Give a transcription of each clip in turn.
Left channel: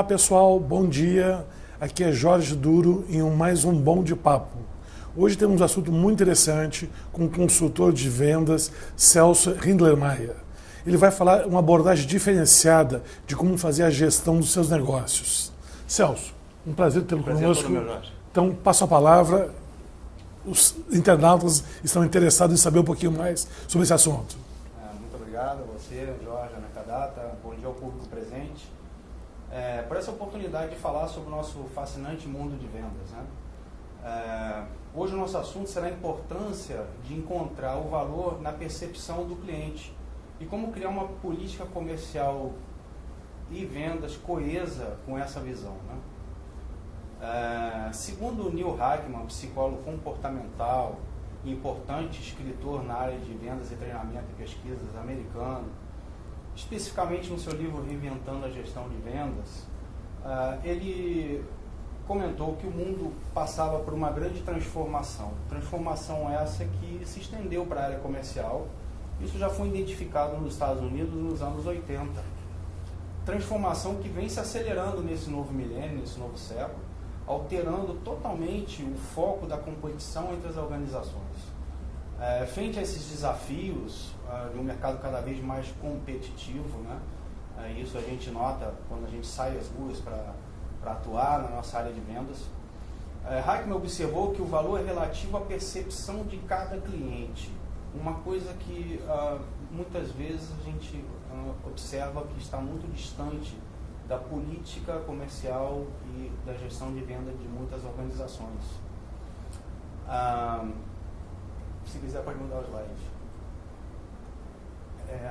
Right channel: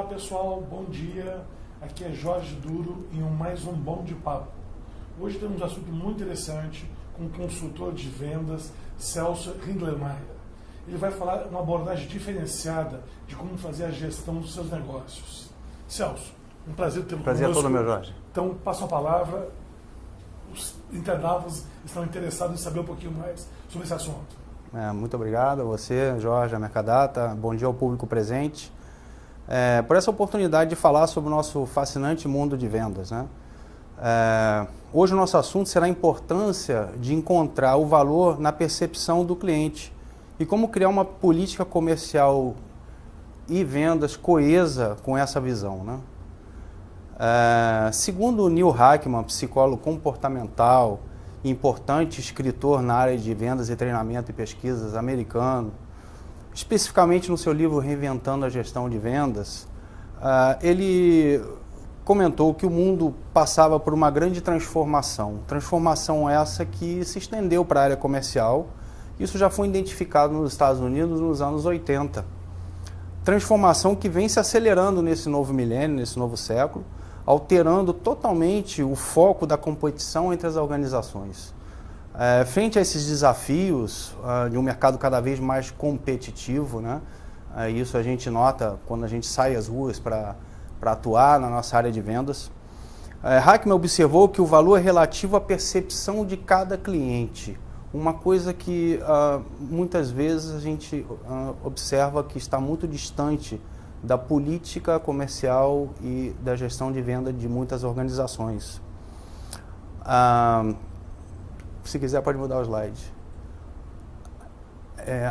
Olá pessoal, bom dia. Aqui é Jorge Duro em mais um Bom de Papo. Hoje temos um assunto muito interessante com o consultor de vendas Celso Rindlermeier. Ele vai falar uma abordagem diferenciada de como fazer a gestão dos seus negócios. Celso, um prazer tê-lo conosco. Prazer é todo meu, Jorge. Então, passo a palavra. Os internautas estão interessados em saber um pouquinho mais sobre esse assunto. Muito obrigado a você, Jorge, a Mercadata. Bom dia ao público presente. Por essa oportunidade de falar sobre o nosso fascinante mundo de vendas, né? Hoje o nosso assunto será a importância de encontrar o valor na percepção do cliente e como criar uma política comercial e vendas coesa com essa visão, né? Segundo Neil Hackman, psicólogo comportamental, importante escritor na área de vendas e treinamento e pesquisas americano, especificamente no seu livro Reinventando a Gestão de Vendas, ele comentou que o mundo passava por uma grande transformação. Transformação essa que se estendeu para a área comercial. Isso já foi identificado nos Estados Unidos nos anos 80. Transformação que vem se acelerando nesse novo milênio, nesse novo século, alterando totalmente o foco da competição entre as organizações. Frente a esses desafios de um mercado cada vez mais competitivo, né? Isso a gente nota quando a gente sai às ruas para atuar na nossa área de vendas. Hackman observou que o valor é relativo à percepção de cada cliente, uma coisa que muitas vezes a gente observa que está muito distante da política comercial e da gestão de venda de muitas organizações. Se quiser pode mudar o slide.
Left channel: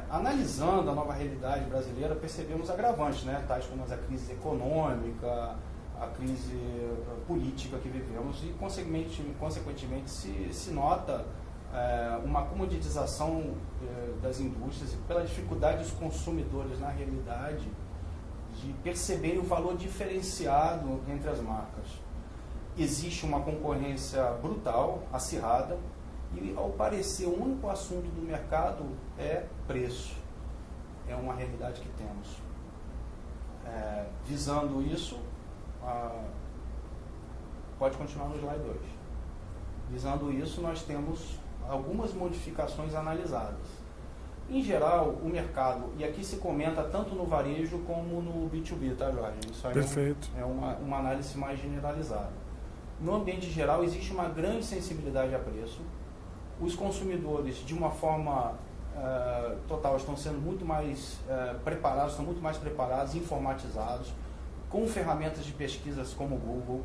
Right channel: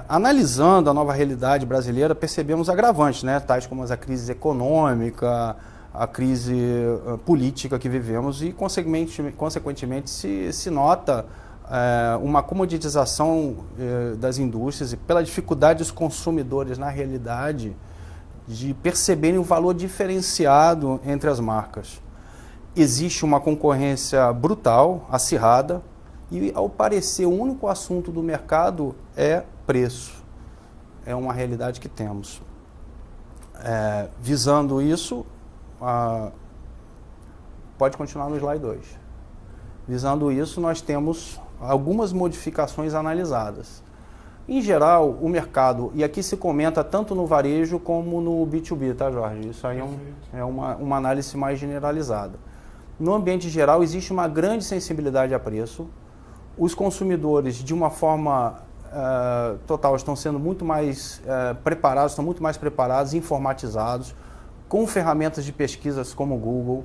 Analisando a nova realidade brasileira, percebemos agravantes, né? Tais como a crise econômica, a crise política que vivemos e, consequentemente, se nota uma comoditização das indústrias e pela dificuldade dos consumidores, na realidade, de perceberem o valor diferenciado entre as marcas. Existe uma concorrência brutal, acirrada, e, ao parecer, o único assunto do mercado é preço. É uma realidade que temos. Visando isso, pode continuar no slide 2. Visando isso, nós temos algumas modificações analisadas. Em geral, o mercado, e aqui se comenta tanto no varejo como no B2B, tá, Jorge? Isso aí é uma análise mais generalizada. No ambiente geral, existe uma grande sensibilidade a preço. Os consumidores, de uma forma total, estão sendo muito mais preparados, estão muito mais preparados, informatizados, com ferramentas de pesquisas como o Google.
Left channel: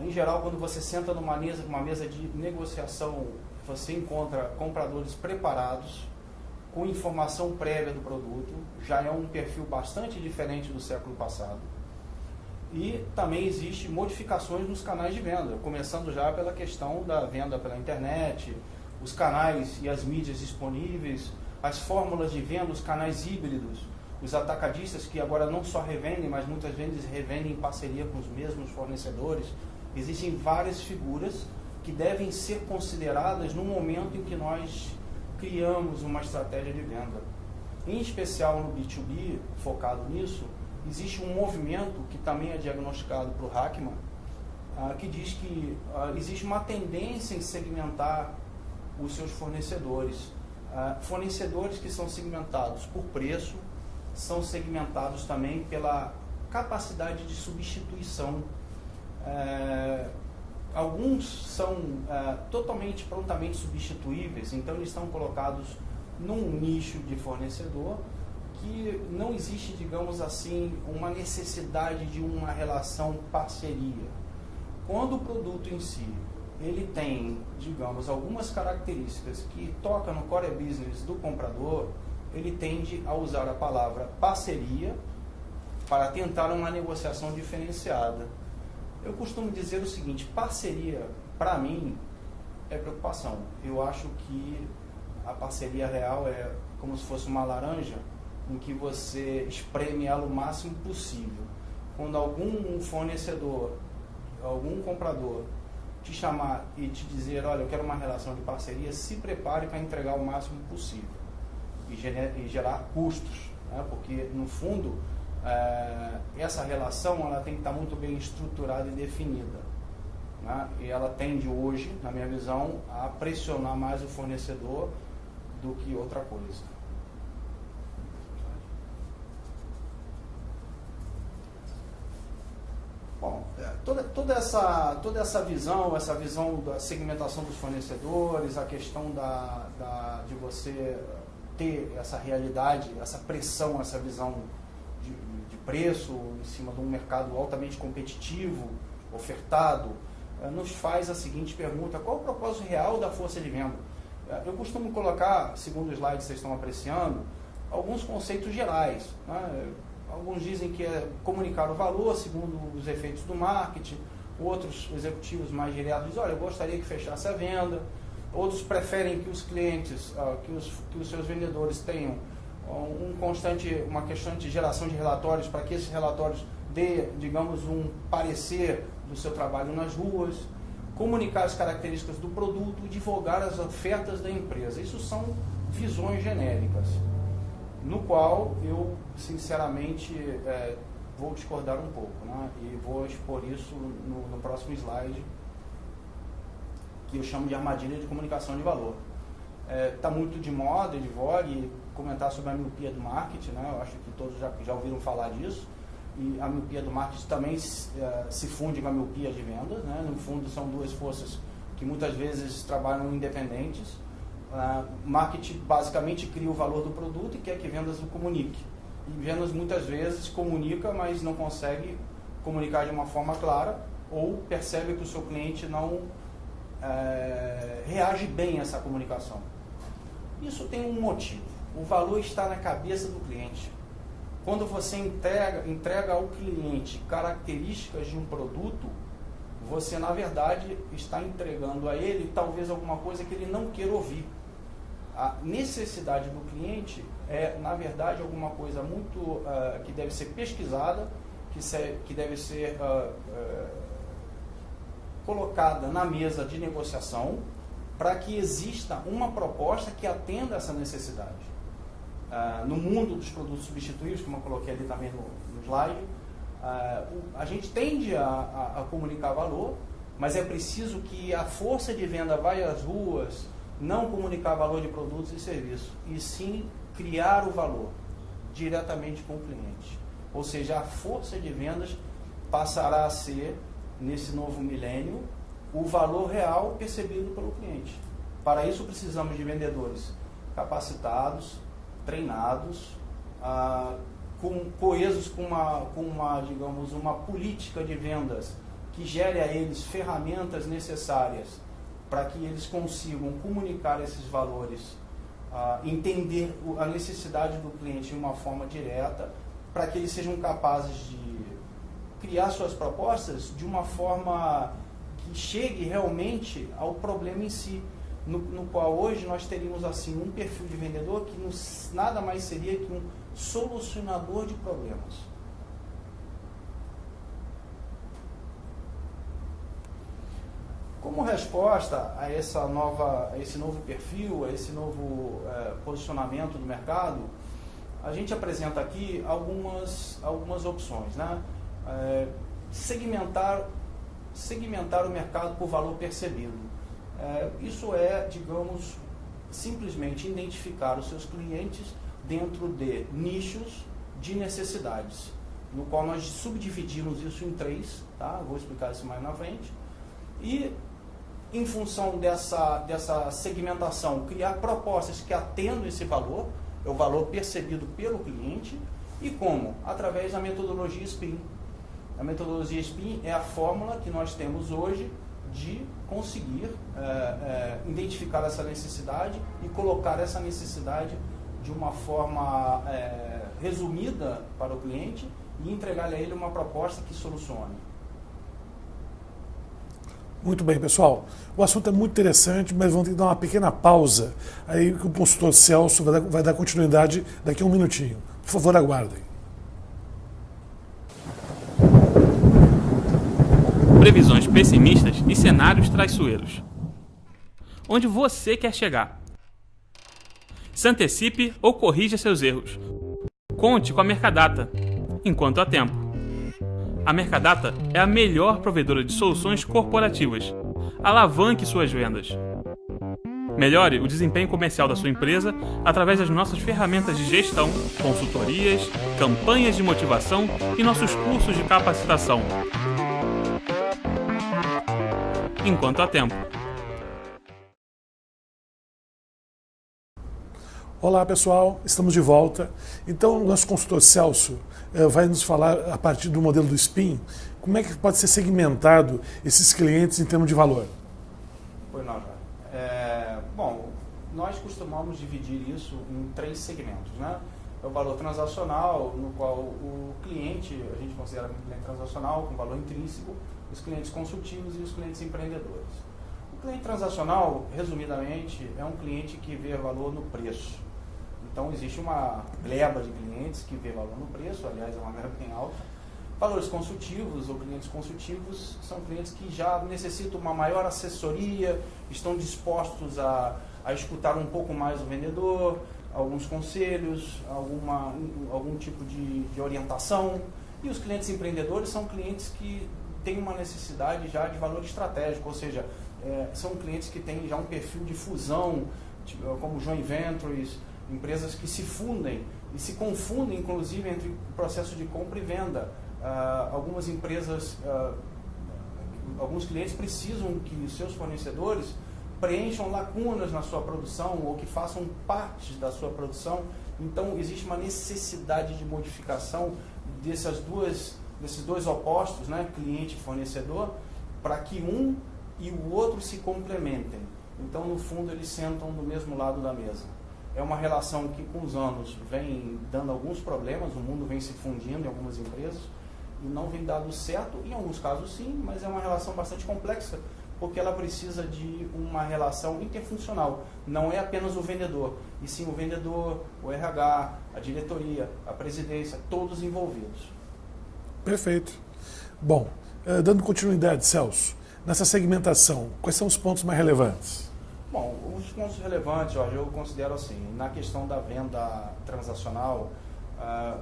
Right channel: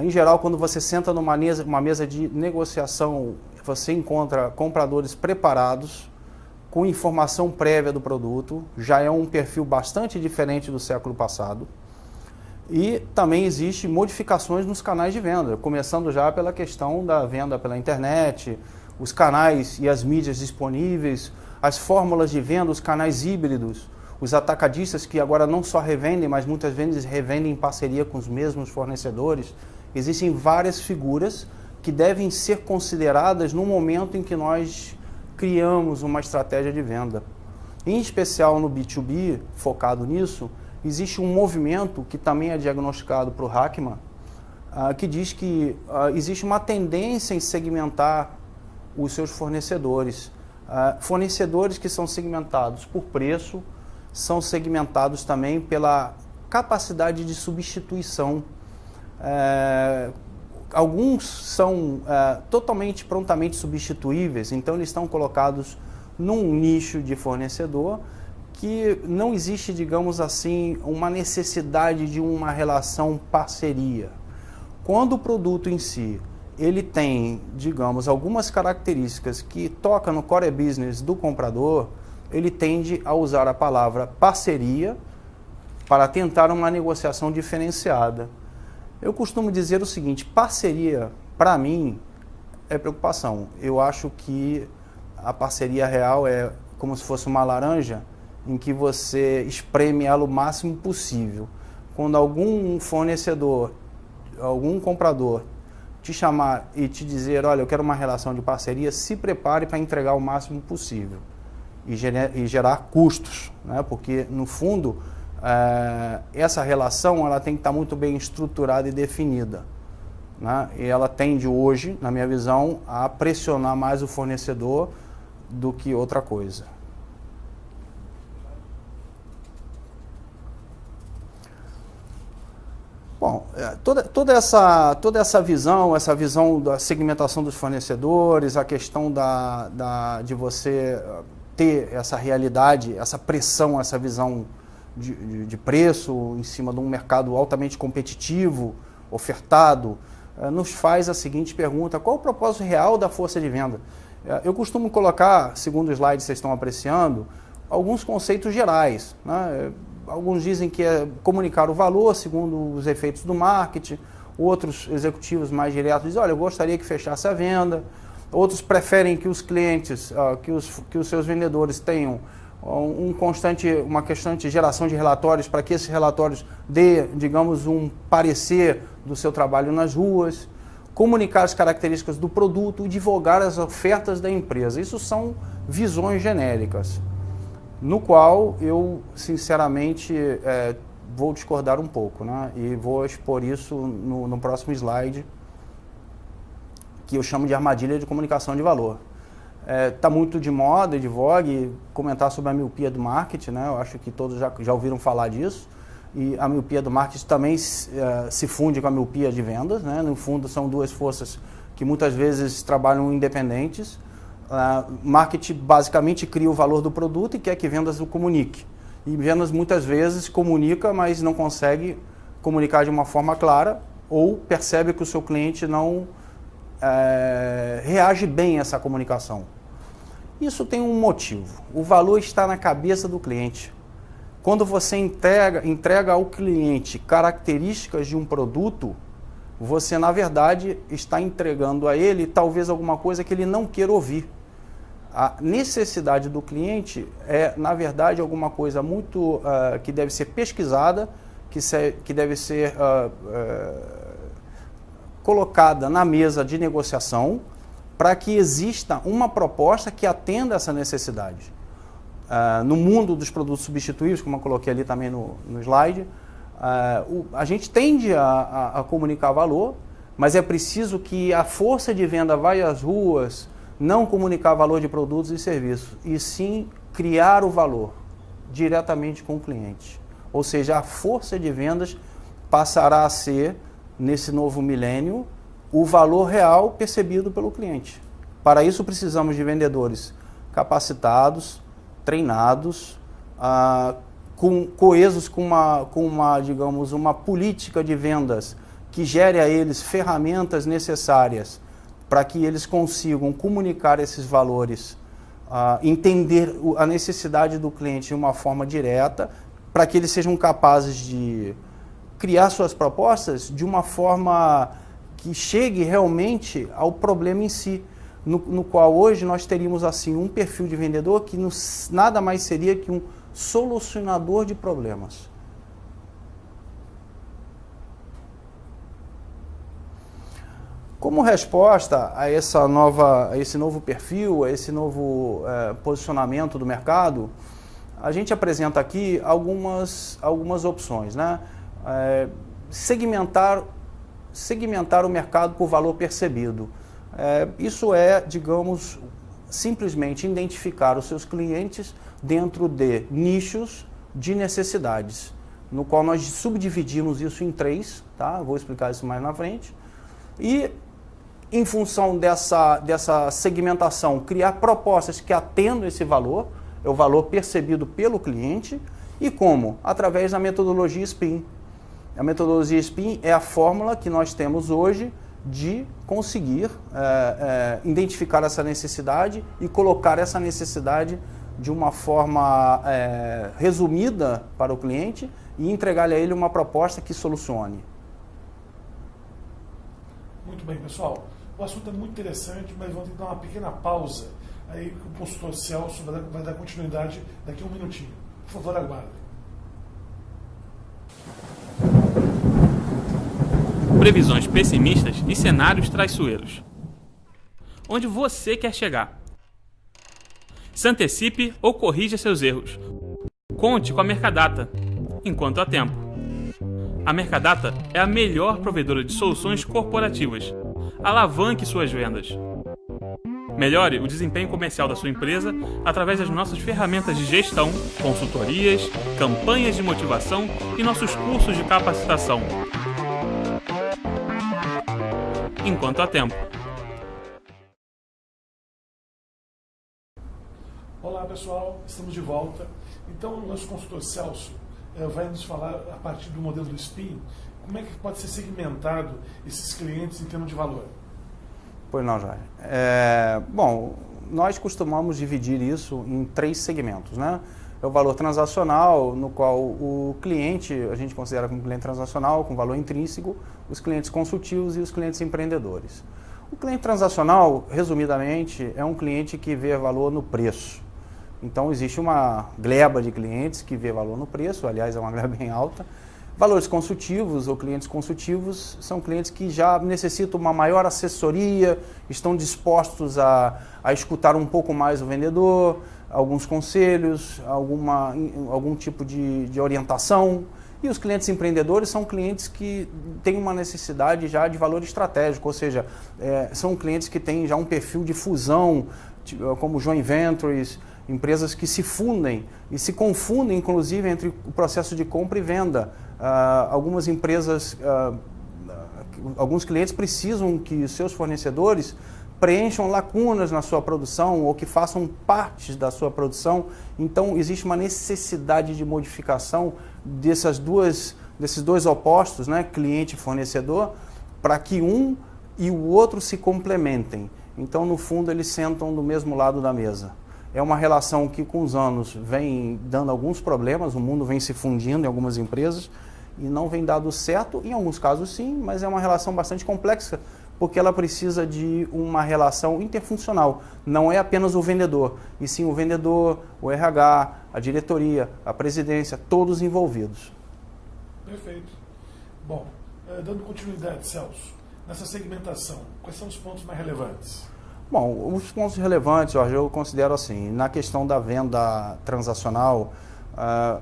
Em geral, quando você senta numa mesa de negociação, você encontra compradores preparados, com informação prévia do produto, já é um perfil bastante diferente do século passado. E também existem modificações nos canais de venda, começando já pela questão da venda pela internet, os canais e as mídias disponíveis, as fórmulas de venda, os canais híbridos, os atacadistas que agora não só revendem, mas muitas vezes revendem em parceria com os mesmos fornecedores. Existem várias figuras que devem ser consideradas no momento em que nós criamos uma estratégia de venda. Em especial no B2B, focado nisso, existe um movimento que também é diagnosticado por Hackman, que diz que existe uma tendência em segmentar os seus fornecedores. Fornecedores que são segmentados por preço, são segmentados também pela capacidade de substituição. Alguns são totalmente, prontamente substituíveis, então eles estão colocados num nicho de fornecedor que não existe, digamos assim, uma necessidade de uma relação parceria. Quando o produto em si, ele tem, digamos, algumas características que tocam no core business do comprador, ele tende a usar a palavra parceria para tentar uma negociação diferenciada. Eu costumo dizer o seguinte: parceria, para mim, é preocupação. Eu acho que a parceria real é como se fosse uma laranja em que você espreme ela o máximo possível. Quando algum fornecedor, algum comprador te chamar e te dizer, olha, eu quero uma relação de parceria, se prepare para entregar o máximo possível e gerar custos, né? Porque, no fundo, essa relação ela tem que estar muito bem estruturada e definida, né? E ela tende hoje, na minha visão, a pressionar mais o fornecedor do que outra coisa. Bom, toda essa visão da segmentação dos fornecedores, a questão de você ter essa realidade, essa pressão, essa visão de preço em cima de um mercado altamente competitivo, ofertado, nos faz a seguinte pergunta: qual o propósito real da força de venda? Eu costumo colocar, segundo o slide que vocês estão apreciando, alguns conceitos gerais, né? Alguns dizem que é comunicar o valor segundo os efeitos do marketing, outros executivos mais diretos dizem: olha, eu gostaria que fechasse a venda. Outros preferem que os clientes, que os seus vendedores tenham uma constante geração de relatórios para que esses relatórios dê, digamos, um parecer do seu trabalho nas ruas, comunicar as características do produto e divulgar as ofertas da empresa. Isso são visões genéricas, no qual eu, sinceramente, vou discordar um pouco, né? E vou expor isso no próximo slide, que eu chamo de armadilha de comunicação de valor. Está muito de moda e de vogue comentar sobre a miopia do marketing, né? Eu acho que todos já ouviram falar disso. E a miopia do marketing também se funde com a miopia de vendas, né? No fundo, são duas forças que muitas vezes trabalham independentes. Marketing basicamente cria o valor do produto e quer que vendas o comunique. E vendas muitas vezes comunica, mas não consegue comunicar de uma forma clara, ou percebe que o seu cliente não reage bem a essa comunicação. Isso tem um motivo: o valor está na cabeça do cliente. Quando você entrega ao cliente características de um produto, você na verdade está entregando a ele talvez alguma coisa que ele não queira ouvir. A necessidade do cliente na verdade alguma coisa muito que deve ser pesquisada, que deve ser colocada na mesa de negociação para que exista uma proposta que atenda essa necessidade. No mundo dos produtos substituíveis, como eu coloquei ali também no slide, a gente tende a comunicar valor, mas é preciso que a força de venda vá às ruas, não comunicar valor de produtos e serviços, e sim criar o valor diretamente com o cliente. Ou seja, a força de vendas passará a ser, nesse novo milênio, o valor real percebido pelo cliente. Para isso precisamos de vendedores capacitados, treinados, coesos com digamos, uma política de vendas que gere a eles ferramentas necessárias para que eles consigam comunicar esses valores, entender a necessidade do cliente de uma forma direta, para que eles sejam capazes de criar suas propostas de uma forma que chegue realmente ao problema em si, no qual hoje nós teríamos assim um perfil de vendedor que nada mais seria que um solucionador de problemas. Como resposta a esse novo perfil, a esse novo posicionamento do mercado, a gente apresenta aqui algumas opções, né? Segmentar o mercado por valor percebido. Isso digamos, simplesmente identificar os seus clientes dentro de nichos de necessidades, no qual nós subdividimos isso em 3, tá? Vou explicar isso mais na frente. E, em função dessa segmentação, criar propostas que atendam esse valor, é o valor percebido pelo cliente. E como? Através da metodologia SPIN. A metodologia SPIN é a fórmula que nós temos hoje de conseguir identificar essa necessidade e colocar essa necessidade de uma forma resumida para o cliente e entregar a ele uma proposta que solucione. Muito bem, pessoal. O assunto é muito interessante, mas vamos ter que dar uma pequena pausa. Aí que o consultor Celso vai dar continuidade daqui a um minutinho. Por favor, aguardem. Previsões pessimistas e cenários traiçoeiros. Onde você quer chegar? Se antecipe ou corrija seus erros. Conte com a Mercadata. enquanto há tempo. A Mercadata é a melhor provedora de soluções corporativas. Alavanque suas vendas. Melhore o desempenho comercial da sua empresa através das nossas ferramentas de gestão, consultorias, campanhas de motivação e nossos cursos de capacitação. Enquanto há tempo. Olá pessoal, estamos de volta. Então o nosso consultor Celso vai nos falar a partir do modelo do SPIN, como é que pode ser segmentado esses clientes em termos de valor. Pois não, Jair. Bom, nós costumamos dividir isso em 3 segmentos, né? É o valor transacional, no qual o cliente, a gente considera como cliente transacional, com valor intrínseco, os clientes consultivos e os clientes empreendedores. O cliente transacional, resumidamente, é um cliente que vê valor no preço. Então, existe uma gleba de clientes que vê valor no preço, aliás, é uma gleba bem alta. Valores consultivos ou clientes consultivos são clientes que já necessitam uma maior assessoria, estão dispostos a escutar um pouco mais o vendedor, alguns conselhos, algum tipo de orientação. E os clientes empreendedores são clientes que têm uma necessidade já de valor estratégico, ou seja, são clientes que têm já um perfil de fusão, como joint ventures, empresas que se fundem e se confundem, inclusive, entre o processo de compra e venda. Algumas empresas, alguns clientes precisam que seus fornecedores preencham lacunas na sua produção ou que façam partes da sua produção. Então, existe uma necessidade de modificação desses dois opostos, né, cliente e fornecedor, para que um e o outro se complementem. Então, no fundo, eles sentam do mesmo lado da mesa. É uma relação que, com os anos, vem dando alguns problemas, o mundo vem se fundindo em algumas empresas e não vem dado certo, em alguns casos sim, mas é uma relação bastante complexa, porque ela precisa de uma relação interfuncional. Não é apenas o vendedor, e sim o vendedor, o RH, a diretoria, a presidência, todos envolvidos. Perfeito. Bom, dando continuidade, Celso, nessa segmentação, quais são os pontos mais relevantes? Bom, os pontos relevantes, Jorge, eu considero assim, na questão da venda transacional,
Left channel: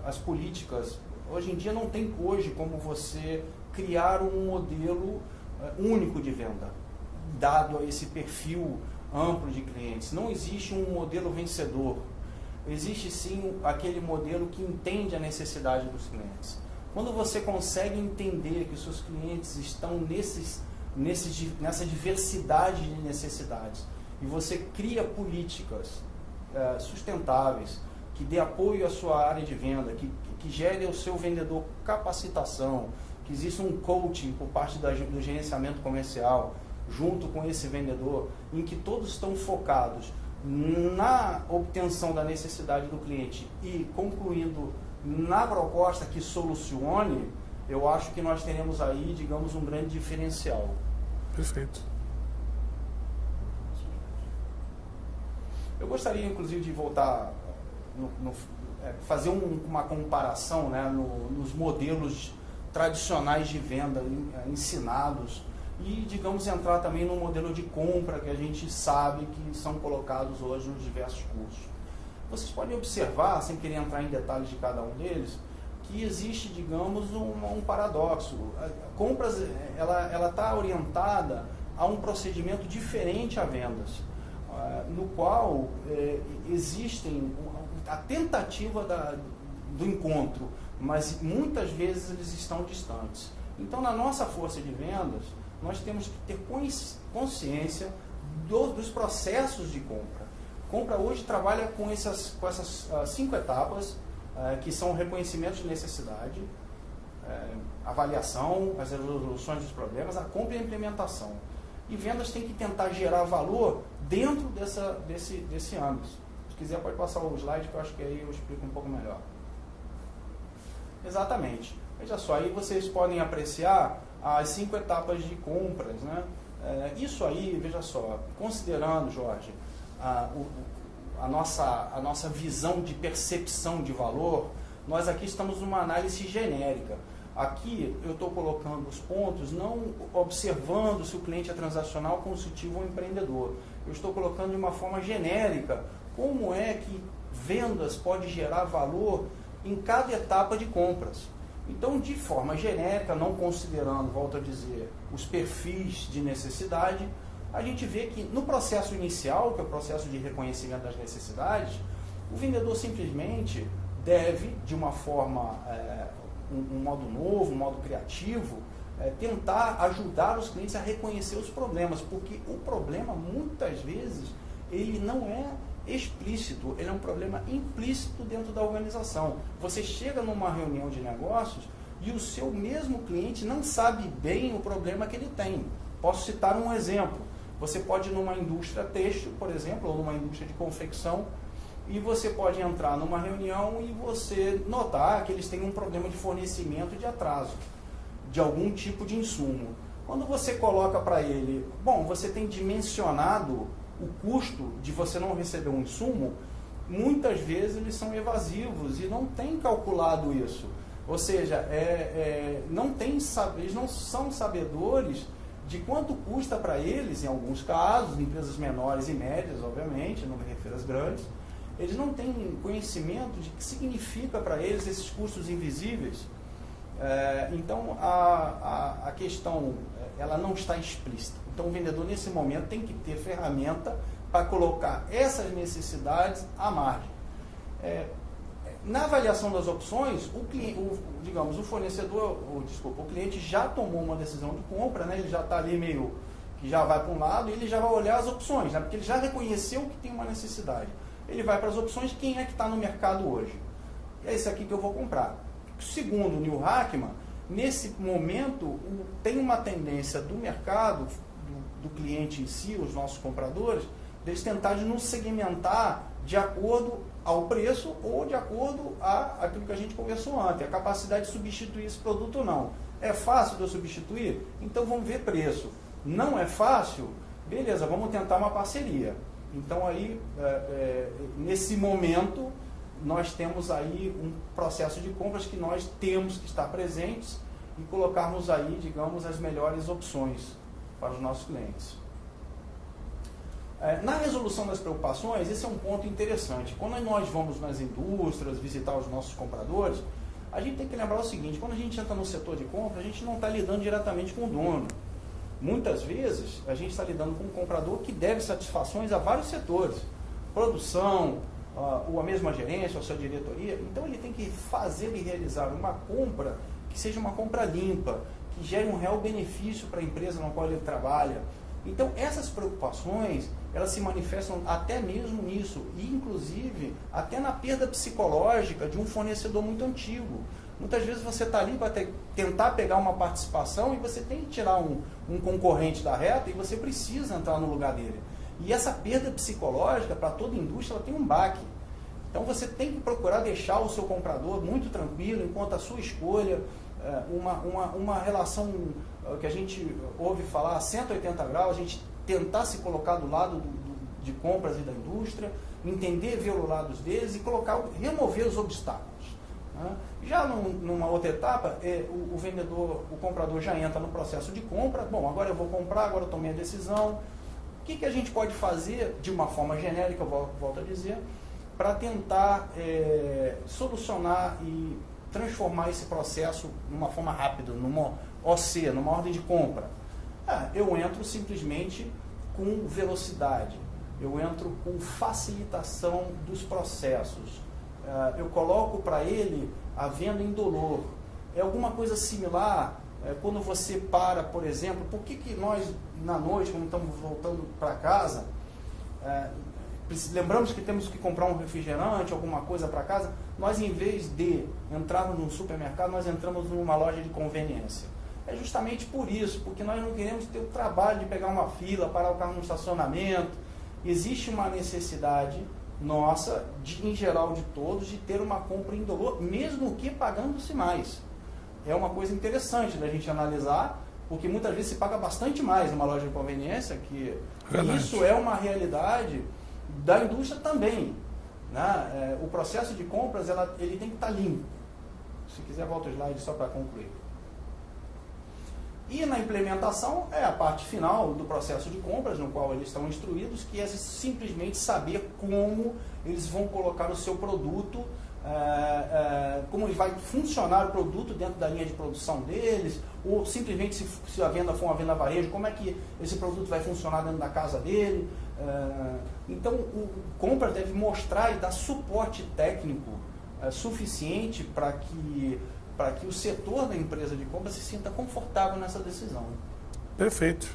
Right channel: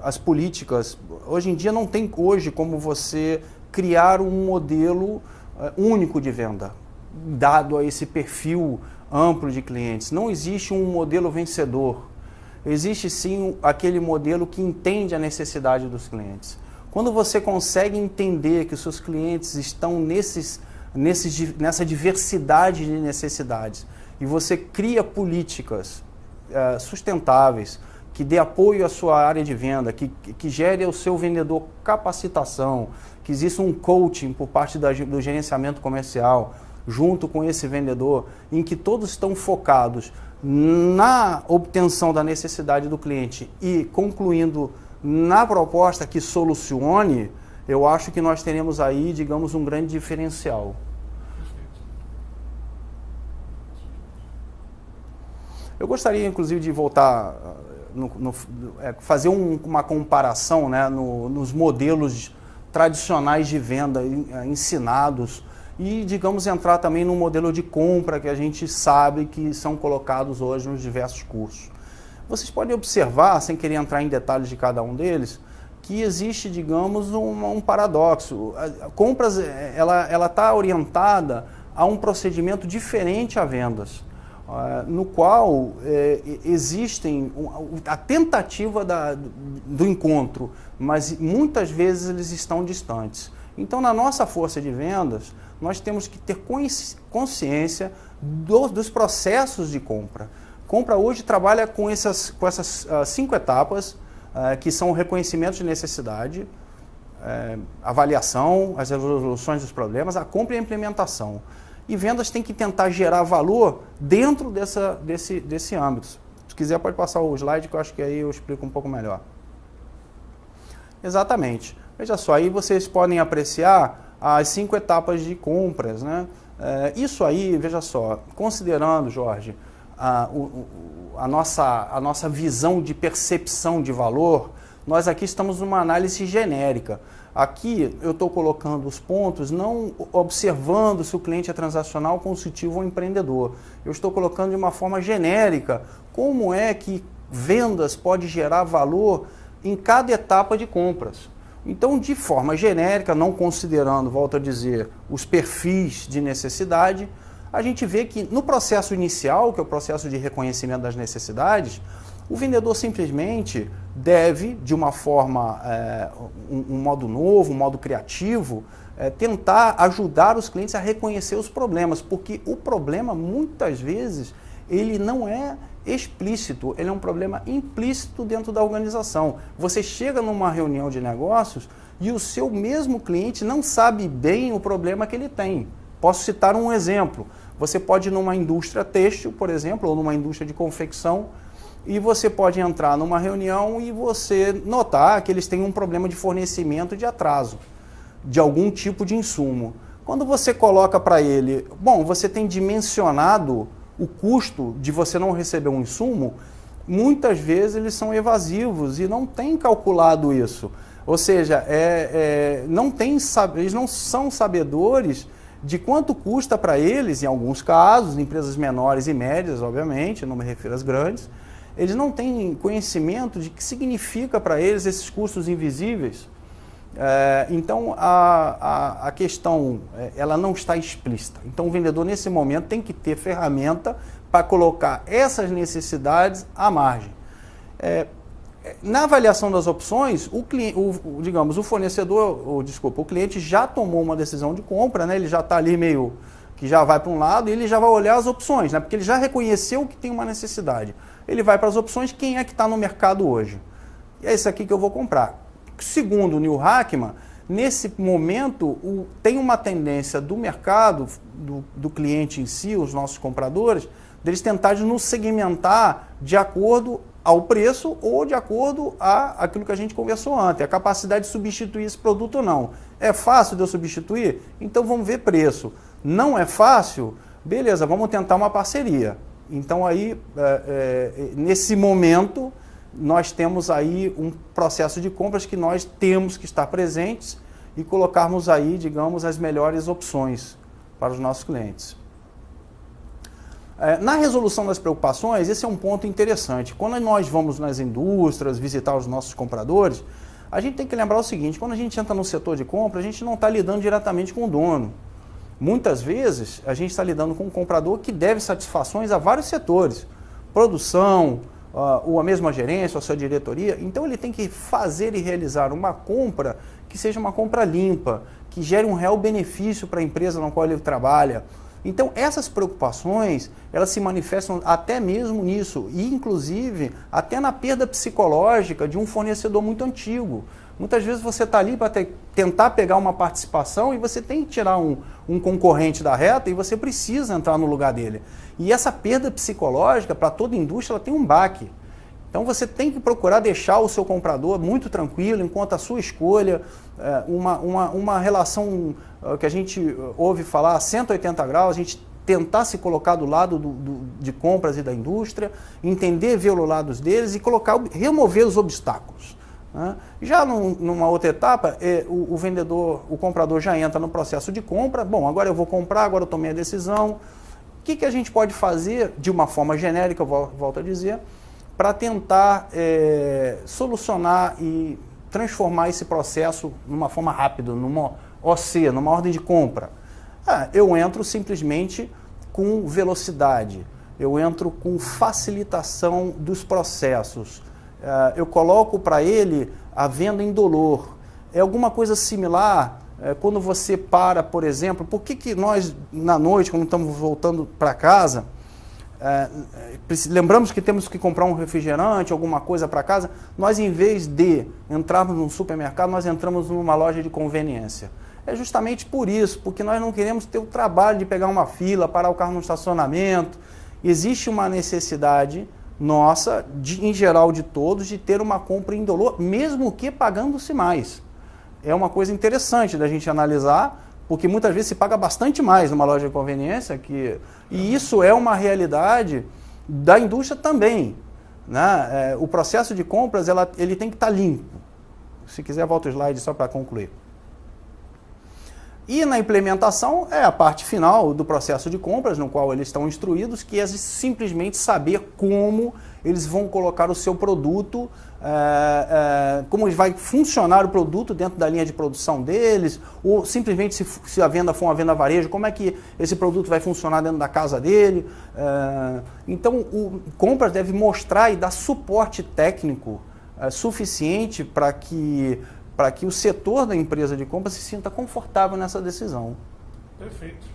as políticas, hoje em dia não tem como você criar um modelo único de venda, dado a esse perfil amplo de clientes. Não existe um modelo vencedor, existe sim aquele modelo que entende a necessidade dos clientes. Quando você consegue entender que os seus clientes estão nessa diversidade de necessidades e você cria políticas sustentáveis, que dê apoio à sua área de venda, que gere ao seu vendedor capacitação, que exista um coaching por parte do gerenciamento comercial junto com esse vendedor, em que todos estão focados na obtenção da necessidade do cliente e concluindo na proposta que solucione, eu acho que nós teremos aí, digamos, um grande diferencial. Perfeito. Eu gostaria, inclusive, de voltar, fazer uma comparação, né, nos modelos tradicionais de venda ensinados e, digamos, entrar também no modelo de compra que a gente sabe que são colocados hoje nos diversos cursos. Vocês podem observar, sem querer entrar em detalhes de cada um deles, que existe, digamos, um paradoxo. A compras, ela está orientada a um procedimento diferente a vendas, no qual existem a tentativa do encontro, mas muitas vezes eles estão distantes. Então, na nossa força de vendas, nós temos que ter consciência dos processos de compra. Compra hoje trabalha com essas 5 etapas, que são o reconhecimento de necessidade, avaliação, as resoluções dos problemas, a compra e a implementação. E vendas tem que tentar gerar valor dentro desse âmbito. Se quiser pode passar o slide que eu acho que aí eu explico um pouco melhor. Exatamente. Veja só, aí vocês podem apreciar as 5 etapas de compras, né? Isso aí, veja só, considerando, Jorge, a nossa visão de percepção de valor, nós aqui estamos numa análise genérica. Aqui eu estou colocando os pontos, não observando se o cliente é transacional, consultivo ou empreendedor. Eu estou colocando de uma forma genérica como é que vendas pode gerar valor em cada etapa de compras. Então, de forma genérica, não considerando, volto a dizer, os perfis de necessidade, a gente vê que no processo inicial, que é o processo de reconhecimento das necessidades, o vendedor simplesmente deve, de uma forma, um modo novo, um modo criativo, tentar ajudar os clientes a reconhecer os problemas, porque o problema, muitas vezes, ele não é explícito, ele é um problema implícito dentro da organização. Você chega numa reunião de negócios e o seu mesmo cliente não sabe bem o problema que ele tem. Posso citar um exemplo. Você pode ir numa indústria têxtil, por exemplo, ou numa indústria de confecção, e você pode entrar numa reunião e você notar que eles têm um problema de fornecimento de atraso de algum tipo de insumo. Quando você coloca para ele, bom, você tem dimensionado o custo de você não receber um insumo, muitas vezes eles são evasivos e não têm calculado isso. Ou seja, eles não são sabedores de quanto custa para eles, em alguns casos, empresas menores e médias, obviamente, não me refiro às grandes, eles não têm conhecimento de que significa para eles esses custos invisíveis. Então, a questão ela não está explícita. Então, o vendedor, nesse momento, tem que ter ferramenta para colocar essas necessidades à margem. Na avaliação das opções, o cliente já tomou uma decisão de compra, né? Ele já está ali meio que já vai para um lado e ele já vai olhar as opções, né? Porque ele já reconheceu que tem uma necessidade. Ele vai para as opções, quem é que está no mercado hoje? É esse aqui que eu vou comprar. Segundo o Neil Hackman, nesse momento tem uma tendência do mercado, do cliente em si, os nossos compradores, deles tentarem nos segmentar de acordo ao preço ou de acordo àquilo que a gente conversou antes, a capacidade de substituir esse produto ou não. É fácil de eu substituir? Então vamos ver preço. Não é fácil? Beleza, vamos tentar uma parceria. Então aí, nesse momento, nós temos aí um processo de compras que nós temos que estar presentes e colocarmos aí, digamos, as melhores opções para os nossos clientes. Na resolução das preocupações, esse é um ponto interessante. Quando nós vamos nas indústrias visitar os nossos compradores, a gente tem que lembrar o seguinte, quando a gente entra no setor de compra, a gente não está lidando diretamente com o dono. Muitas vezes, a gente está lidando com um comprador que deve satisfações a vários setores, produção, ou a mesma gerência, ou a sua diretoria. Então, ele tem que fazer e realizar uma compra que seja uma compra limpa, que gere um real benefício para a empresa na qual ele trabalha. Então, essas preocupações, elas se manifestam até mesmo nisso, e inclusive até na perda psicológica de um fornecedor muito antigo. Muitas vezes você está ali para tentar pegar uma participação e você tem que tirar um concorrente da reta e você precisa entrar no lugar dele. E essa perda psicológica, para toda indústria, ela tem um baque. Então você tem que procurar deixar o seu comprador muito tranquilo, enquanto a sua escolha, uma relação que a gente ouve falar, 180 graus, a gente tentar se colocar do lado de compras e da indústria, entender, ver os lados deles e remover os obstáculos. Né? Já numa outra etapa, o vendedor, o comprador já entra no processo de compra. Bom, agora eu vou comprar, agora eu tomei a decisão. O que a gente pode fazer de uma forma genérica, eu volto a dizer, para tentar solucionar e transformar esse processo numa forma rápida, numa OC, numa ordem de compra? Eu entro simplesmente com velocidade, eu entro com facilitação dos processos, eu coloco para ele a venda indolor. É alguma coisa similar quando você para, por exemplo, por que nós, na noite, quando estamos voltando para casa, lembramos que temos que comprar um refrigerante, alguma coisa para casa, nós, em vez de entrarmos num supermercado, nós entramos numa loja de conveniência. É justamente por isso, porque nós não queremos ter o trabalho de pegar uma fila, parar o carro no estacionamento. Existe uma necessidade nossa, em geral de todos, de ter uma compra indolor, mesmo que pagando-se mais. É uma coisa interessante da gente analisar, porque muitas vezes se paga bastante mais numa loja de conveniência, e isso é uma realidade da indústria também. Né? O processo de compras ele tem que estar limpo. Se quiser, volta o slide só para concluir. E na implementação é a parte final do processo de compras, no qual eles estão instruídos, que é simplesmente saber como eles vão colocar o seu produto como vai funcionar o produto dentro da linha de produção deles, ou simplesmente se a venda for uma venda varejo, como é que esse produto vai funcionar dentro da casa dele. Então, o compras deve mostrar e dar suporte técnico suficiente para que o setor da empresa de compras se sinta confortável nessa decisão. Perfeito.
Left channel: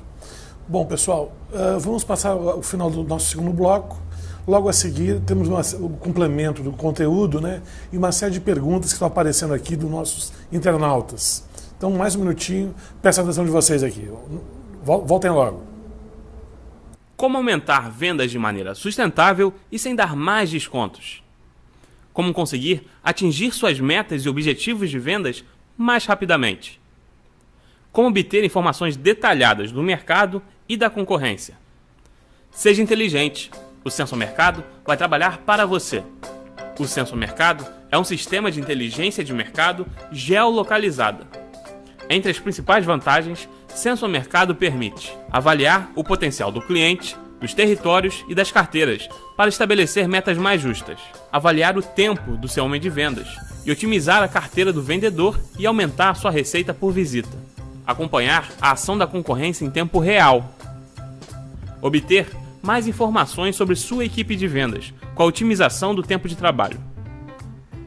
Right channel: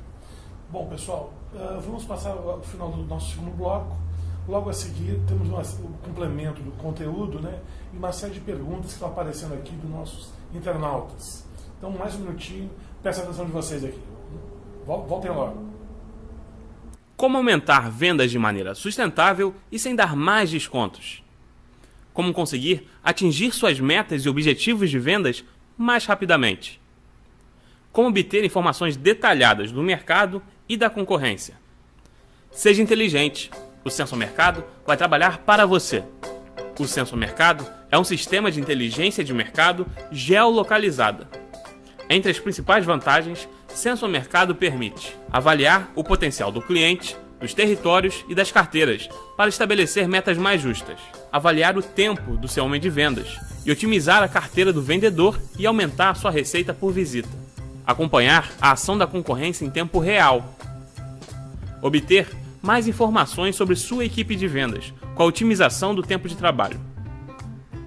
Bom, pessoal, vamos passar ao final do nosso segundo bloco. Logo a seguir, temos o complemento do conteúdo, né? E uma série de perguntas que estão aparecendo aqui dos nossos internautas. Então, mais um minutinho, peço a atenção de vocês aqui. Voltem logo. Como aumentar vendas de maneira sustentável e sem dar mais descontos? Como conseguir atingir suas metas e objetivos de vendas mais rapidamente? Como obter informações detalhadas do mercado e da concorrência? Seja inteligente. O Sensor Mercado vai trabalhar para você. O Sensor Mercado é um sistema de inteligência de mercado geolocalizada. Entre as principais vantagens, Sensor Mercado permite avaliar o potencial do cliente, dos territórios e das carteiras para estabelecer metas mais justas, avaliar o tempo do seu homem de vendas e otimizar a carteira do vendedor e aumentar sua receita por visita, acompanhar a ação da concorrência em tempo real, obter mais informações sobre sua equipe de vendas, com a otimização do tempo de trabalho.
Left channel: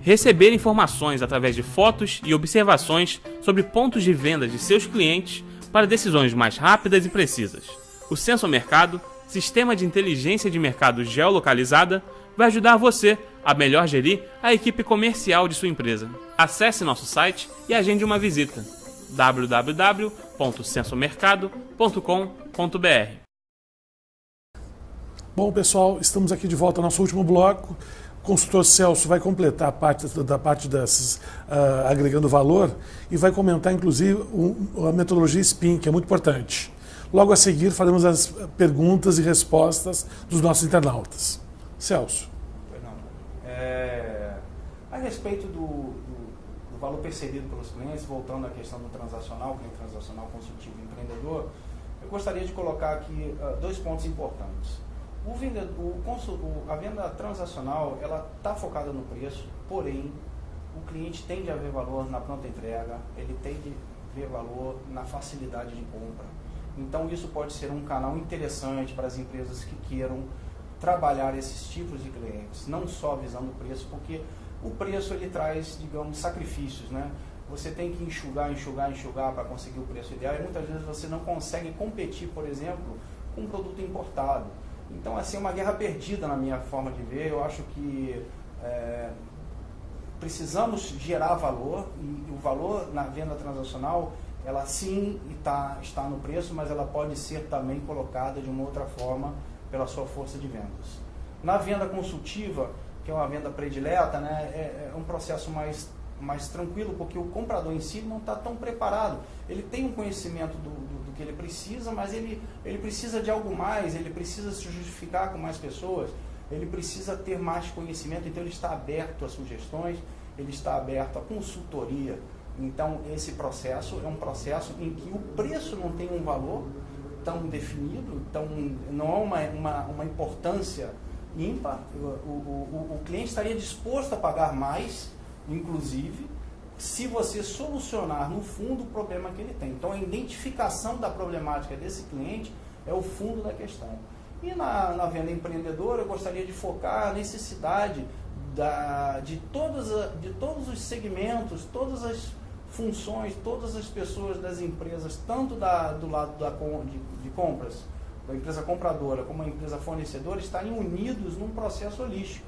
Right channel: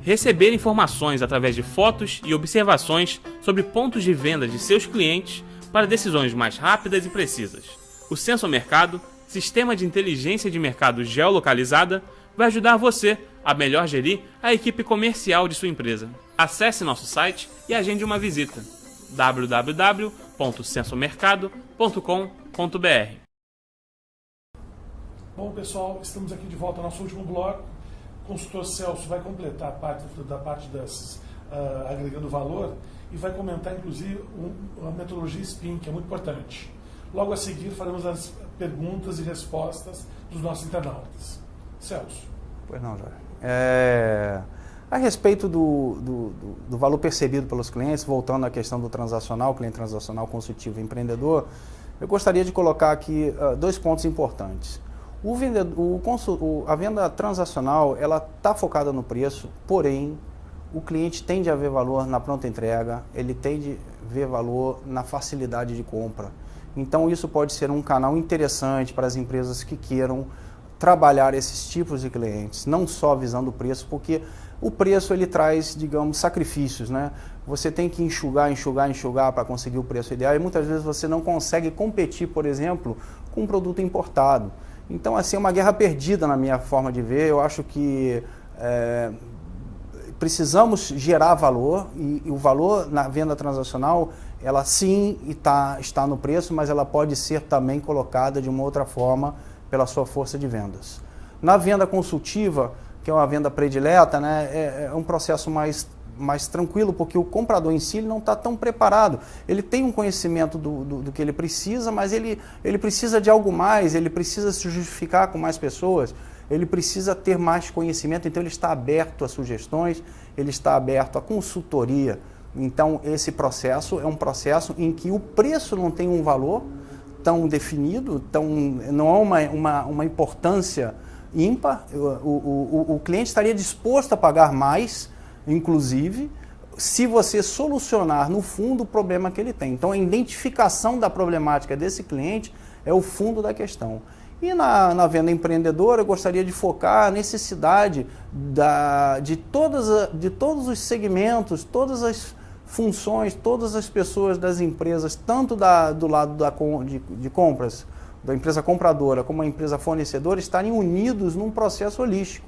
Receber informações através de fotos e observações sobre pontos de venda de seus clientes para decisões mais rápidas e precisas. O Sensor Mercado, sistema de inteligência de mercado geolocalizada, vai ajudar você a melhor gerir a equipe comercial de sua empresa. Acesse nosso site e agende uma visita. www.sensormercado.com.br. Bom, pessoal, estamos aqui de volta ao nosso último bloco. O consultor Celso vai completar a parte dessas agregando valor e vai comentar, inclusive, a metodologia SPIN, que é muito importante. Logo a seguir, faremos as perguntas e respostas dos nossos internautas. Celso. Pois não, Jorge. A respeito do valor percebido pelos clientes, voltando à questão do transacional, cliente transacional, consultivo e empreendedor, eu gostaria de colocar aqui 2 pontos importantes. A venda transacional, ela está focada no preço, porém, o cliente tende a ver valor na pronta entrega, ele tende a ver valor na facilidade de compra. Então, isso pode ser um canal interessante para as empresas que queiram trabalhar esses tipos de clientes, não só visando o preço, porque o preço ele traz, digamos, sacrifícios, né? Você tem que enxugar para conseguir o preço ideal e muitas vezes você não consegue competir, por exemplo, com um produto importado. Então, assim, é uma guerra perdida na minha forma de ver. Eu acho que precisamos gerar valor e o valor na venda transacional, ela sim está no preço, mas ela pode ser também colocada de uma outra forma pela sua força de vendas. Na venda consultiva, que é uma venda predileta, né, é um processo mais tranquilo, porque o comprador em si não está tão preparado. Ele tem um conhecimento do que ele precisa, mas ele precisa de algo mais, ele precisa se justificar com mais pessoas, ele precisa ter mais conhecimento, então ele está aberto a sugestões, ele está aberto à consultoria. Então, esse processo é um processo em que o preço não tem um valor tão definido, não é uma importância ímpar. O cliente estaria disposto a pagar mais, inclusive, se você solucionar no fundo o problema que ele tem. Então, a identificação da problemática desse cliente é o fundo da questão. E na venda empreendedora, eu gostaria de focar a necessidade de todos os segmentos, todas as funções, todas as pessoas das empresas, tanto do lado de compras, da empresa compradora, como a empresa fornecedora, estarem unidos num processo holístico.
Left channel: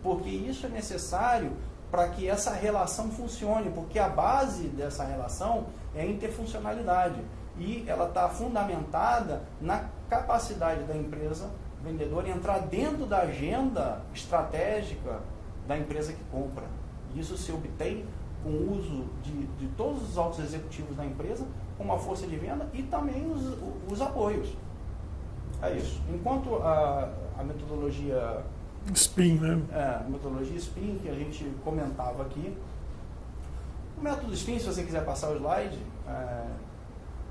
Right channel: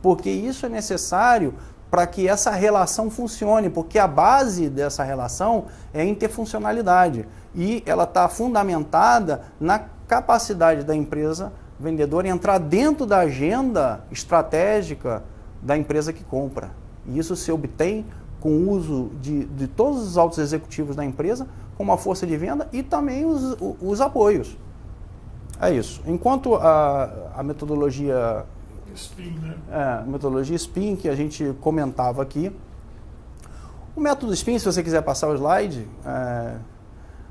Porque isso é necessário para que essa relação funcione, porque a base dessa relação é a interfuncionalidade e ela está fundamentada na capacidade da empresa vendedora entrar dentro da agenda estratégica da empresa que compra. E isso se obtém com o uso de todos os altos executivos da empresa, como a força de venda e também os apoios. É isso. Enquanto a metodologia SPIN, né? A metodologia SPIN, que a gente comentava aqui. O método SPIN, se você quiser passar o slide,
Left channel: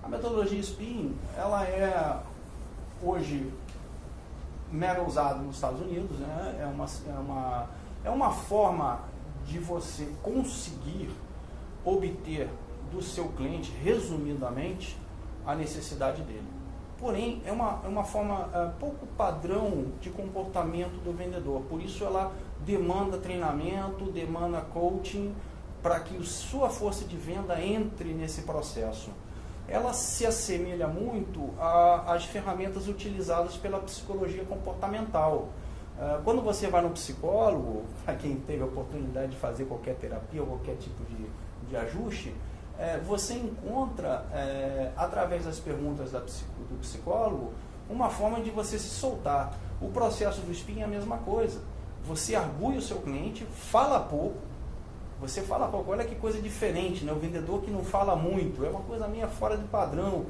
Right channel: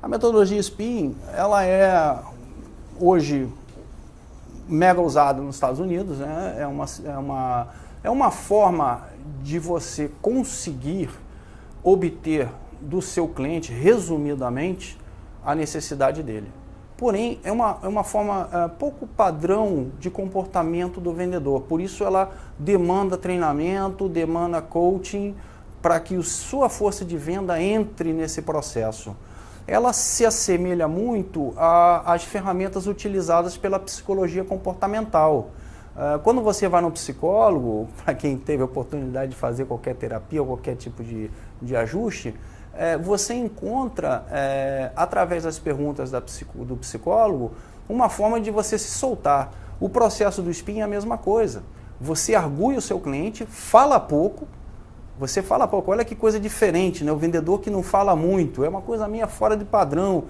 a metodologia SPIN, ela é hoje mega usada nos Estados Unidos, né? É uma forma de você conseguir obter do seu cliente, resumidamente, a necessidade dele. Porém, é uma forma pouco padrão de comportamento do vendedor. Por isso, ela demanda treinamento, demanda coaching, para que sua força de venda entre nesse processo. Ela se assemelha muito às ferramentas utilizadas pela psicologia comportamental. Quando você vai no psicólogo, para quem teve a oportunidade de fazer qualquer terapia ou qualquer tipo de ajuste, você encontra, através das perguntas do psicólogo, uma forma de você se soltar. O processo do spin é a mesma coisa. Você argui o seu cliente, fala pouco, olha que coisa diferente, né? O vendedor que não fala muito, é uma coisa meio fora de padrão,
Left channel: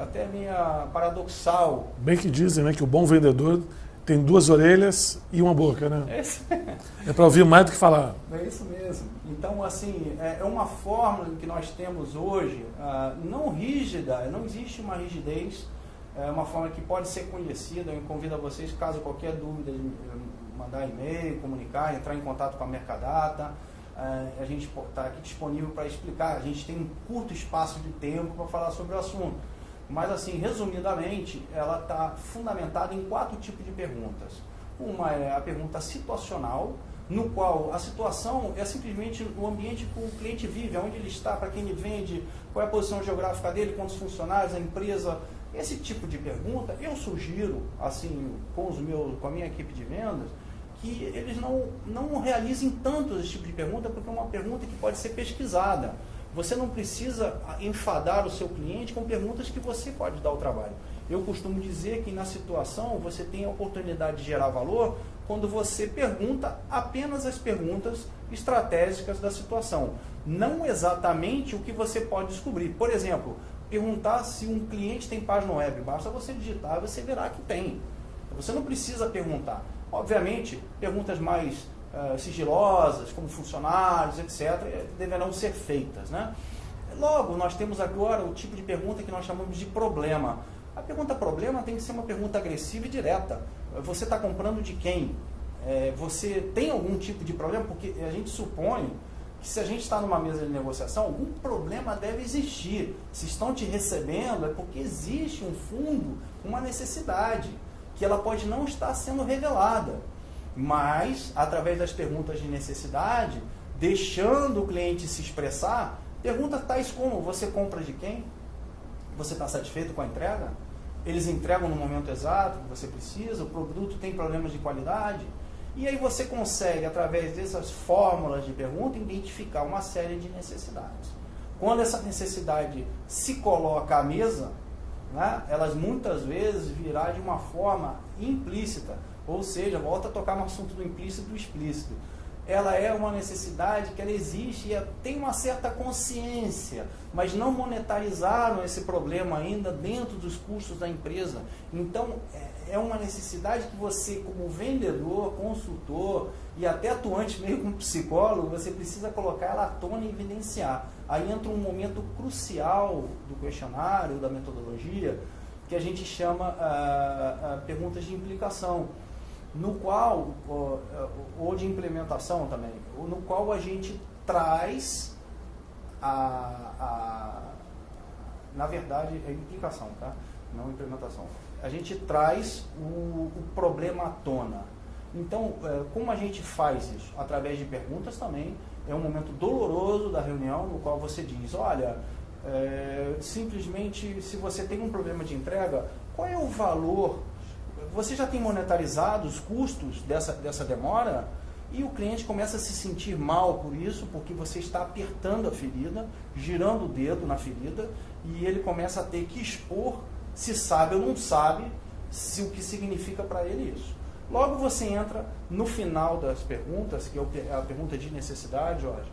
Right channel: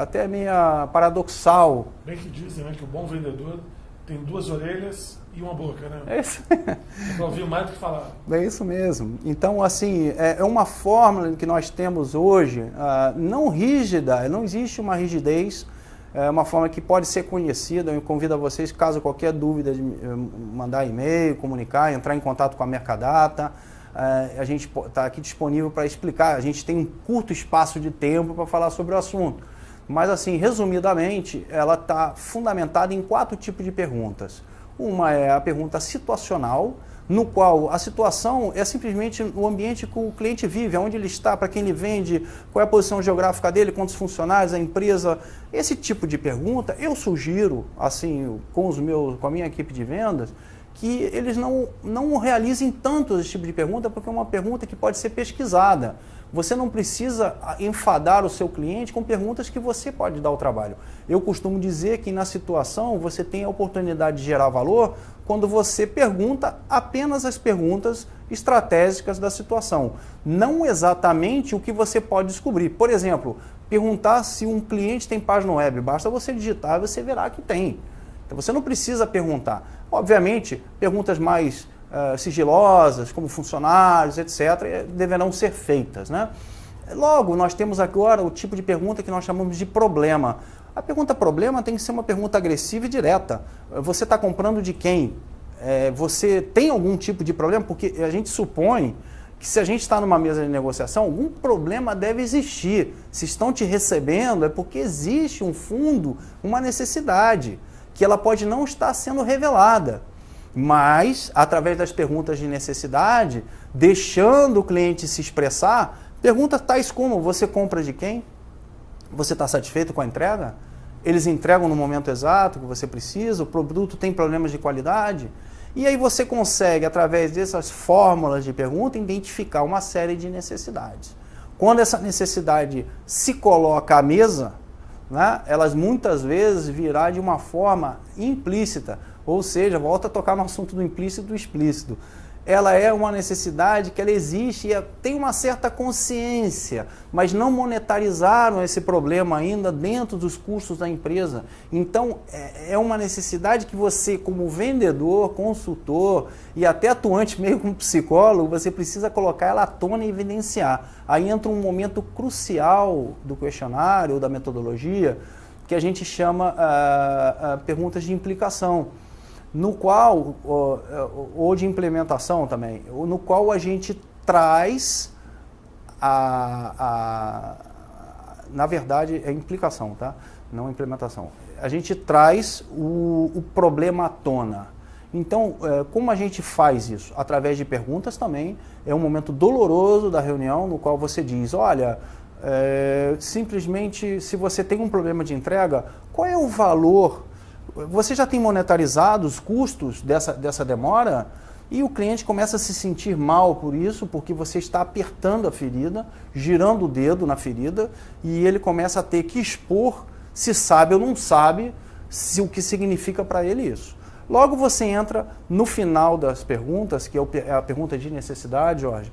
até meio paradoxal. Bem que dizem, né, que o bom vendedor tem 2 orelhas e uma boca, né? É isso. É para ouvir mais do que falar. É isso mesmo. Então, assim, é uma fórmula que nós temos hoje, não rígida, não existe uma rigidez, é uma forma que pode ser conhecida. Eu convido a vocês, caso qualquer dúvida, de mandar e-mail, comunicar, entrar em contato com a Mercadata. A gente está aqui disponível para explicar. A gente tem um curto espaço de tempo para falar sobre o assunto. Mas, assim, resumidamente, ela está fundamentada em 4 tipos de perguntas. Uma é a pergunta situacional, no qual a situação é simplesmente o ambiente que o cliente vive, onde ele está, para quem ele vende, qual é a posição geográfica dele, quantos funcionários, a empresa. Esse tipo de pergunta, eu sugiro, assim, com a minha equipe de vendas, que eles não realizem tanto esse tipo de pergunta, porque é uma pergunta que pode ser pesquisada. Você não precisa enfadar o seu cliente com perguntas que você pode dar ao trabalho. Eu costumo dizer que na situação você tem a oportunidade de gerar valor quando você pergunta apenas as perguntas estratégicas da situação, não exatamente o que você pode descobrir. Por exemplo, perguntar se um cliente tem página web, basta você digitar e você verá que tem. Então você não precisa perguntar. Obviamente, perguntas mais sigilosas, como funcionários, etc., deverão ser feitas, né? Logo, nós temos agora o tipo de pergunta que nós chamamos de problema. A pergunta problema tem que ser uma pergunta agressiva e direta. Você está comprando de quem? Você tem algum tipo de problema? Porque a gente supõe que se a gente está numa mesa de negociação, algum problema deve existir. Se estão te recebendo, é porque existe um fundo, uma necessidade, que ela pode não estar sendo revelada. Mas, através das perguntas de necessidade, deixando o cliente se expressar, perguntas tais como: você compra de quem? Você está satisfeito com a entrega? Eles entregam no momento exato que você precisa? O produto tem problemas de qualidade? E aí você consegue, através dessas fórmulas de pergunta, identificar uma série de necessidades. Quando essa necessidade se coloca à mesa, né, elas muitas vezes virá de uma forma implícita. Ou seja, volta a tocar no assunto do implícito e do explícito. Ela é uma necessidade que ela existe e tem uma certa consciência, mas não monetarizaram esse problema ainda dentro dos custos da empresa. Então, é uma necessidade que você, como vendedor, consultor e até atuante meio como psicólogo, você precisa colocar ela à tona e evidenciar. Aí entra um momento crucial do questionário ou da metodologia, que a gente chama perguntas de implicação, no qual, ou de implementação também, no qual a gente traz na verdade é implicação, tá? Não implementação. A gente traz o problema à tona. Então, como a gente faz isso? Através de perguntas também. É um momento doloroso da reunião, no qual você diz: olha, simplesmente, se você tem um problema de entrega, qual é o valor? Você já tem monetarizado os custos dessa demora? E o cliente começa a se sentir mal por isso, porque você está apertando a ferida, girando o dedo na ferida, e ele começa a ter que expor se sabe ou não sabe o que significa para ele isso. Logo você entra no final das perguntas, que é a pergunta de necessidade, Jorge,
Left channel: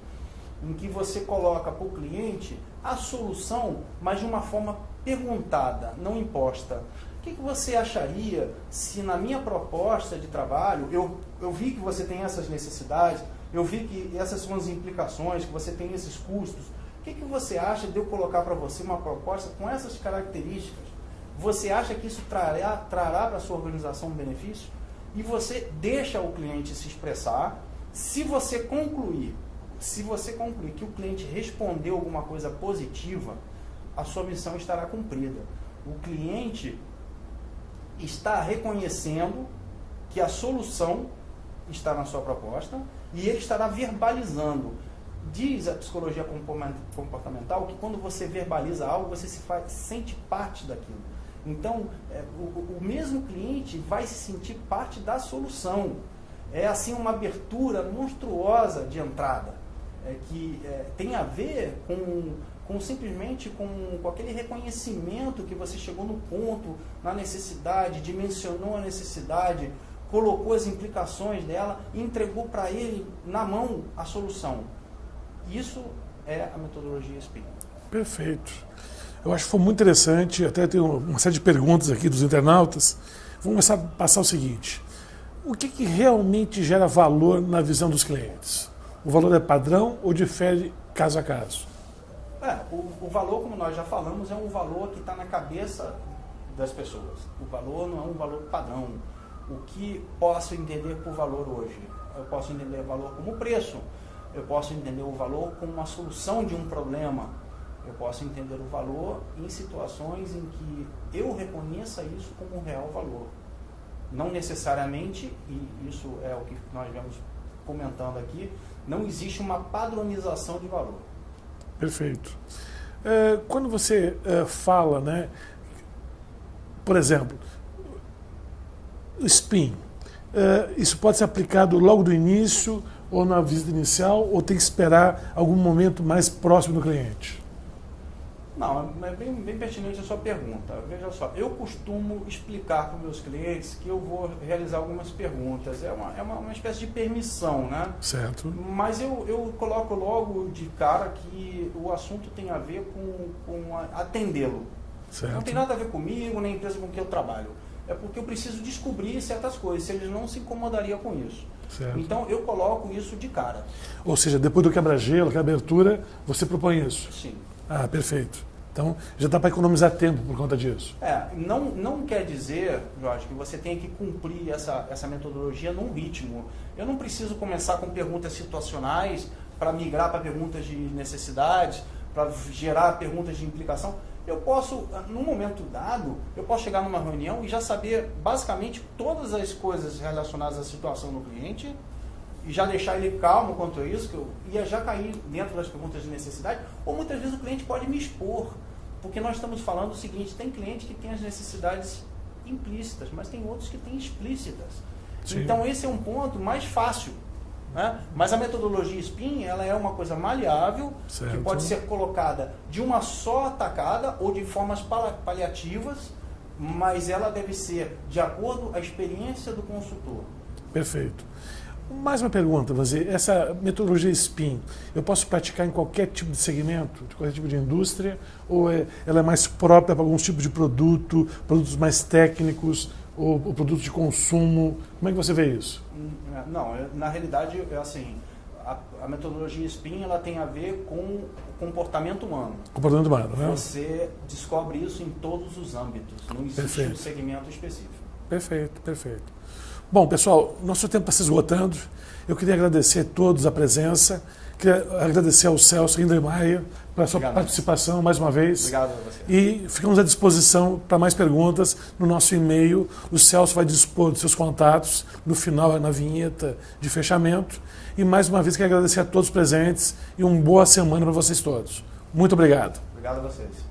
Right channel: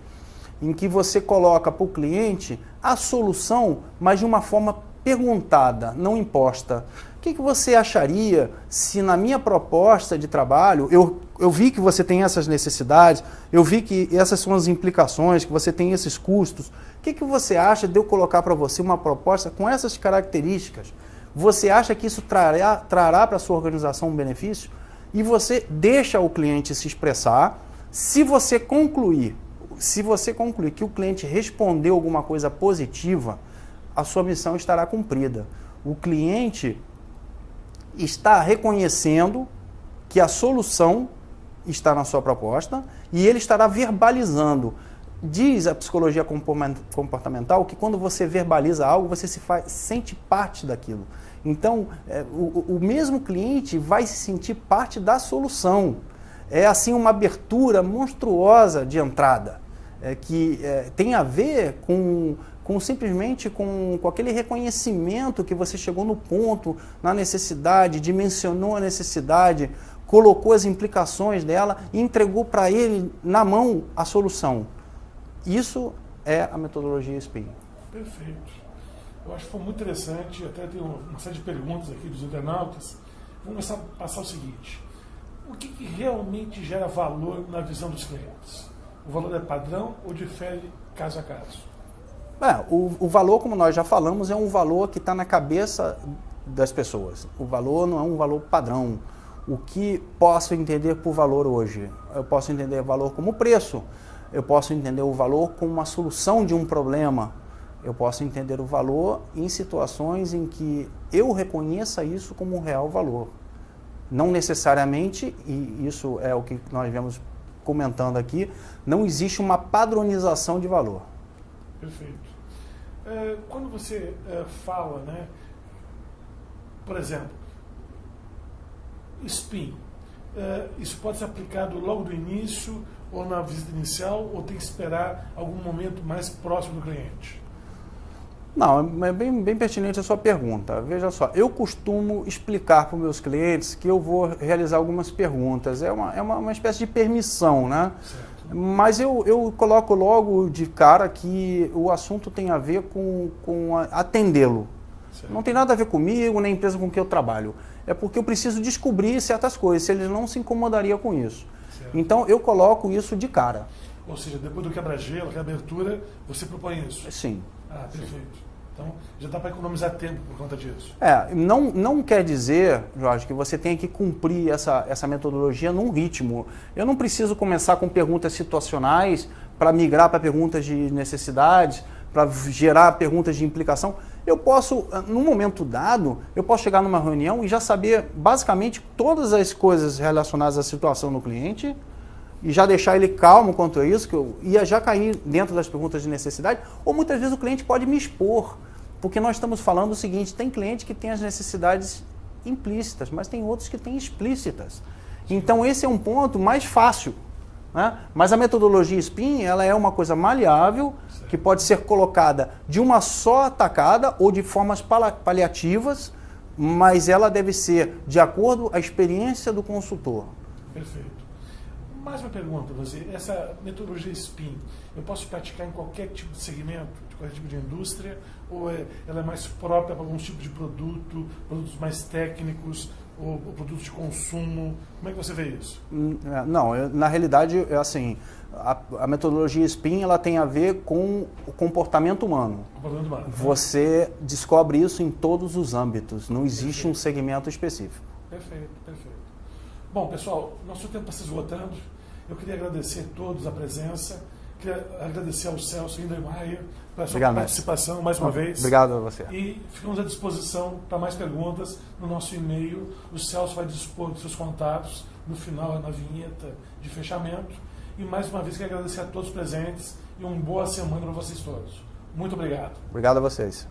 em que você coloca para o cliente a solução, mas de uma forma perguntada, não imposta. O que você acharia se na minha proposta de trabalho, eu vi que você tem essas necessidades, eu vi que essas são as implicações, que você tem esses custos. O que você acha de eu colocar para você uma proposta com essas características? Você acha que isso trará para a sua organização um benefício? E você deixa o cliente se expressar, Se você concluir que o cliente respondeu alguma coisa positiva, a sua missão estará cumprida. O cliente está reconhecendo que a solução está na sua proposta e ele estará verbalizando. Diz a psicologia comportamental que quando você verbaliza algo, você sente parte daquilo. Então, o mesmo cliente vai se sentir parte da solução. É assim uma abertura monstruosa de entrada, que tem a ver simplesmente com aquele reconhecimento que você chegou no ponto, na necessidade, dimensionou a necessidade, colocou as implicações dela e entregou para ele na mão a solução. Isso é a metodologia SPIN. Perfeito. Eu acho que foi muito interessante, até tenho uma série de perguntas aqui dos internautas. Vamos começar a passar o seguinte: o que realmente gera valor na visão dos clientes? O valor é padrão ou difere caso a caso? O valor, como nós já falamos, é um valor que está na cabeça das pessoas. O valor não é um valor padrão. O que posso entender por valor hoje? Eu posso entender o valor como preço. Eu posso entender o valor como uma solução de um problema. Eu posso entender o valor em situações em que eu reconheça isso como um real valor. Não necessariamente, e isso é o que nós vemos comentando aqui, não existe uma padronização de valor. Perfeito. Quando você fala, né, por exemplo, o SPIN, isso pode ser aplicado logo do início ou na visita inicial, ou tem que esperar algum momento mais próximo do cliente? Não, é bem pertinente a sua pergunta. Veja só, eu costumo explicar para os meus clientes que eu vou realizar algumas perguntas. É uma espécie de permissão, né? Certo. Mas eu coloco logo de cara que o assunto tem a ver com atendê-lo. Certo. Não tem nada a ver comigo, nem a empresa com que eu trabalho. É porque eu preciso descobrir certas coisas, se eles não se incomodariam com isso. Certo. Então, eu coloco isso de cara. Ou seja, depois do quebra-gelo, que é a abertura, você propõe isso? Sim. Ah, perfeito. Então, já dá para economizar tempo por conta disso. Não quer dizer, Jorge, que você tenha que cumprir essa metodologia num ritmo. Eu não preciso começar com perguntas situacionais para migrar para perguntas de necessidades, para gerar perguntas de implicação. Eu posso, num momento dado, eu posso chegar numa reunião e já saber basicamente todas as coisas relacionadas à situação do cliente e já deixar ele calmo quanto a isso, que eu ia já cair dentro das perguntas de necessidade, ou muitas vezes o cliente pode me expor, porque nós estamos falando o seguinte: tem cliente que tem as necessidades implícitas, mas tem outros que têm explícitas. Sim. Então esse é um ponto mais fácil, né? Mas a metodologia SPIN, ela é uma coisa maleável, certo, que pode ser colocada de uma só tacada ou de formas paliativas, mas ela deve ser de acordo com a experiência do consultor. Perfeito. Mais uma pergunta, você, essa metodologia SPIN, eu posso praticar em qualquer tipo de segmento, de qualquer tipo de indústria, ou ela é mais própria para alguns tipos de produtos mais técnicos, ou produtos de consumo? Como é que você vê isso? Não, na realidade, assim, a metodologia SPIN, ela tem a ver com o comportamento humano. Comportamento humano, né? Você descobre isso em todos os âmbitos, não existe Perfeito. Um segmento específico. Perfeito, perfeito. Bom, pessoal, nosso tempo está se esgotando. Eu queria agradecer a todos a presença, queria agradecer ao Celso Hindlermayer pela sua participação mais uma vez. Obrigado a você. E ficamos à disposição para mais perguntas no nosso e-mail. O Celso vai dispor dos seus contatos no final, na vinheta de fechamento. E mais uma vez quero agradecer a todos os presentes e uma boa semana para vocês todos. Muito obrigado. Obrigado a vocês.